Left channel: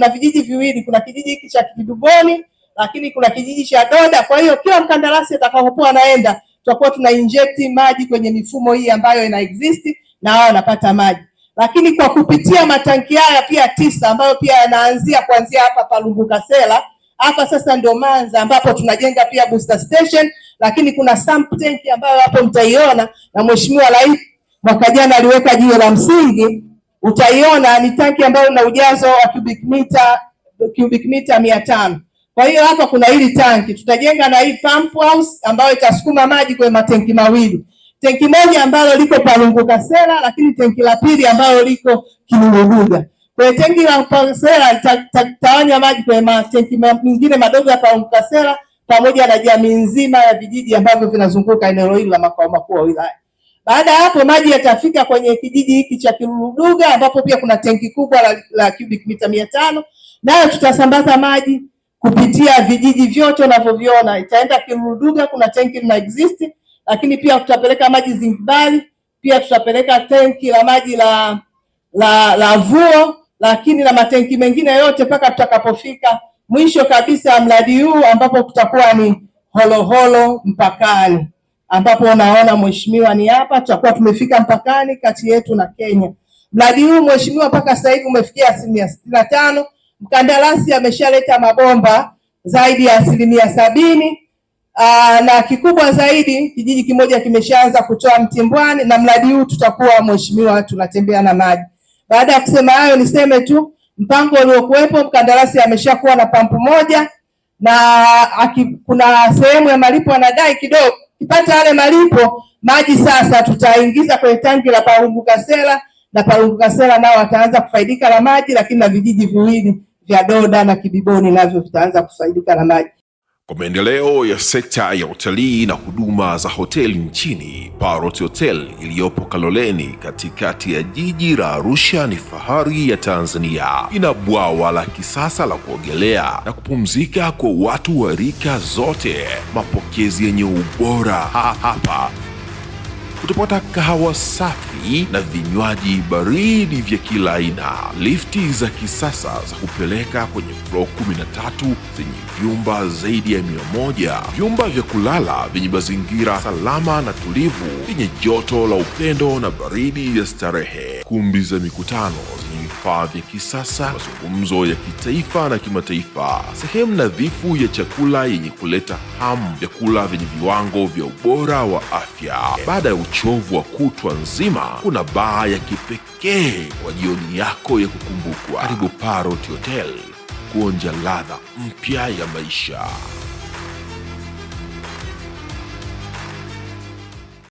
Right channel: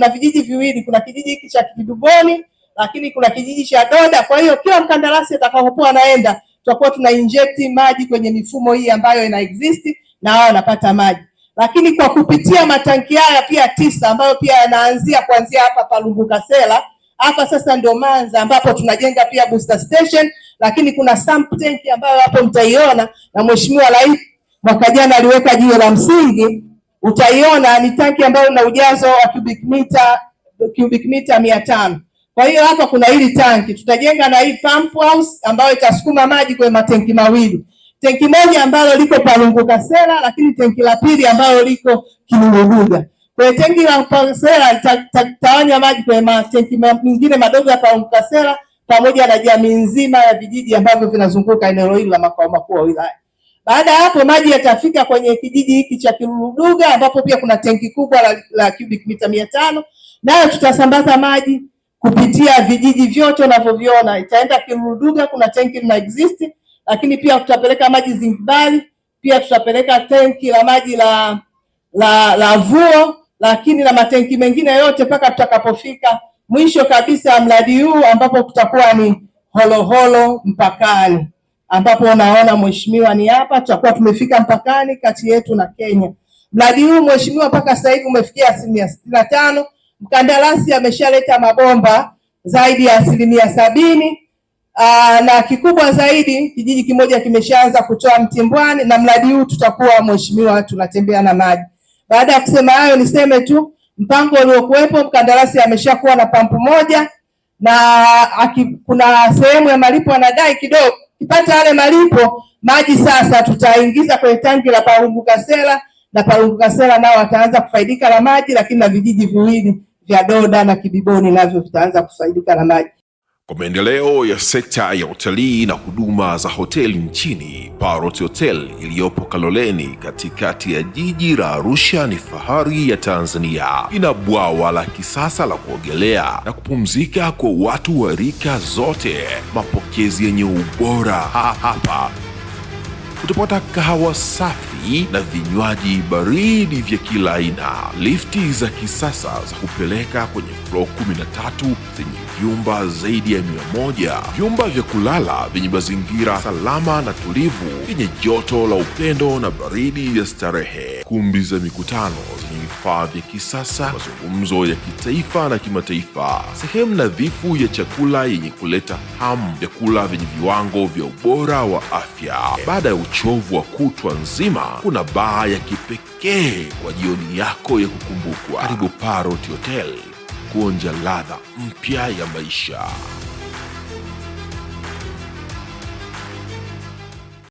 kuna vijiji viwili, kuna kijiji hiki cha Kiduboni, lakini kuna kijiji cha Doda. Kwa hiyo kila mkandarasi atakapokuwa anaenda, tutakuwa tuna inject maji kwenye mifumo hii ambayo ina exist na wao wanapata maji. Lakini kwa kupitia matanki haya pia 9 ambayo pia yanaanzia kuanzia hapa Palungukasela, hapa sasa ndio Manza ambapo tunajenga pia booster station, lakini kuna sump tank ambayo hapo mtaiona, na Mheshimiwa Rais mwaka jana aliweka jiwe la msingi. Utaiona ni tanki ambayo ina ujazo wa cubic meter 500. Kwa hiyo hapa kuna hili tanki, tutajenga na hii pump house ambayo itasukuma maji kwenye matenki mawili. Tenki moja ambalo liko Palungukasela, lakini tenki la pili ambalo liko Kinuruduga. Kwa tenki la Palungukasela litawanya maji kwenye matenki mengine madogo ya Palungukasela pamoja na jamii nzima ya vijiji ambavyo vinazunguka eneo hili la makao makuu ya wilaya. Baada ya hapo maji yatafika kwenye kijiji hiki cha Kinuruduga ambapo pia kuna tenki kubwa la cubic mita 500, nayo tutasambaza maji kupitia vijiji vyote unavyoviona. Itaenda Kinuruduga, kuna tenki lina exist, lakini pia tutapeleka maji Zimbabwe, pia tutapeleka tenki la maji la Vuo, lakini na matenki mengine yote mpaka tutakapofika mwisho kabisa mradi huu ambapo kutakuwa ni Holoholo mpakani, ambapo unaona mheshimiwa ni hapa, tutakuwa tumefika mpakani kati yetu na Kenya. Mradi huu mheshimiwa mpaka sasa hivi umefikia 65%. Mkandarasi ameshaleta mabomba zaidi ya 70%. Na kikubwa zaidi kijiji kimoja kimeshaanza kutoa mtimbwani, na mradi huu tutakuwa mheshimiwa tunatembea na maji. Baada ya kusema hayo, niseme tu mpango uliokuwepo, mkandarasi ameshakuwa na pampu moja, na kuna sehemu ya malipo anadai kidogo. Kipata yale malipo, maji sasa tutaingiza kwenye tanki la Palungukasela, na Palungukasela nao wataanza kufaidika na maji, lakini na vijiji viwili vya Doda na Kidiboni navyo vitaanza kufaidika na maji. Kwa maendeleo ya sekta ya utalii na huduma za hoteli nchini, Parrot Hotel iliyopo Kaloleni katikati ya jiji la Arusha ni fahari ya Tanzania. Ina bwawa la kisasa la kuogelea na kupumzika kwa watu wa rika zote, mapokezi yenye ubora. Hapa utapata kahawa safi na vinywaji baridi vya kila aina, lifti za kisasa za kupeleka kwenye floor 13 zenye vyumba zaidi ya 100, vyumba vya kulala vyenye mazingira salama na tulivu, vyenye joto la upendo na baridi ya starehe, kumbi za mikutano zenye vifaa vya kisasa, mazungumzo ya kitaifa na kimataifa, sehemu nadhifu ya chakula yenye kuleta hamu, vyakula vyenye viwango vya ubora wa afya. Baada ya uchovu wa kutwa nzima, kuna baa ya kipekee kwa jioni yako ya kukumbukwa. Karibu Parrot Hotel kuonja ladha mpya ya maisha.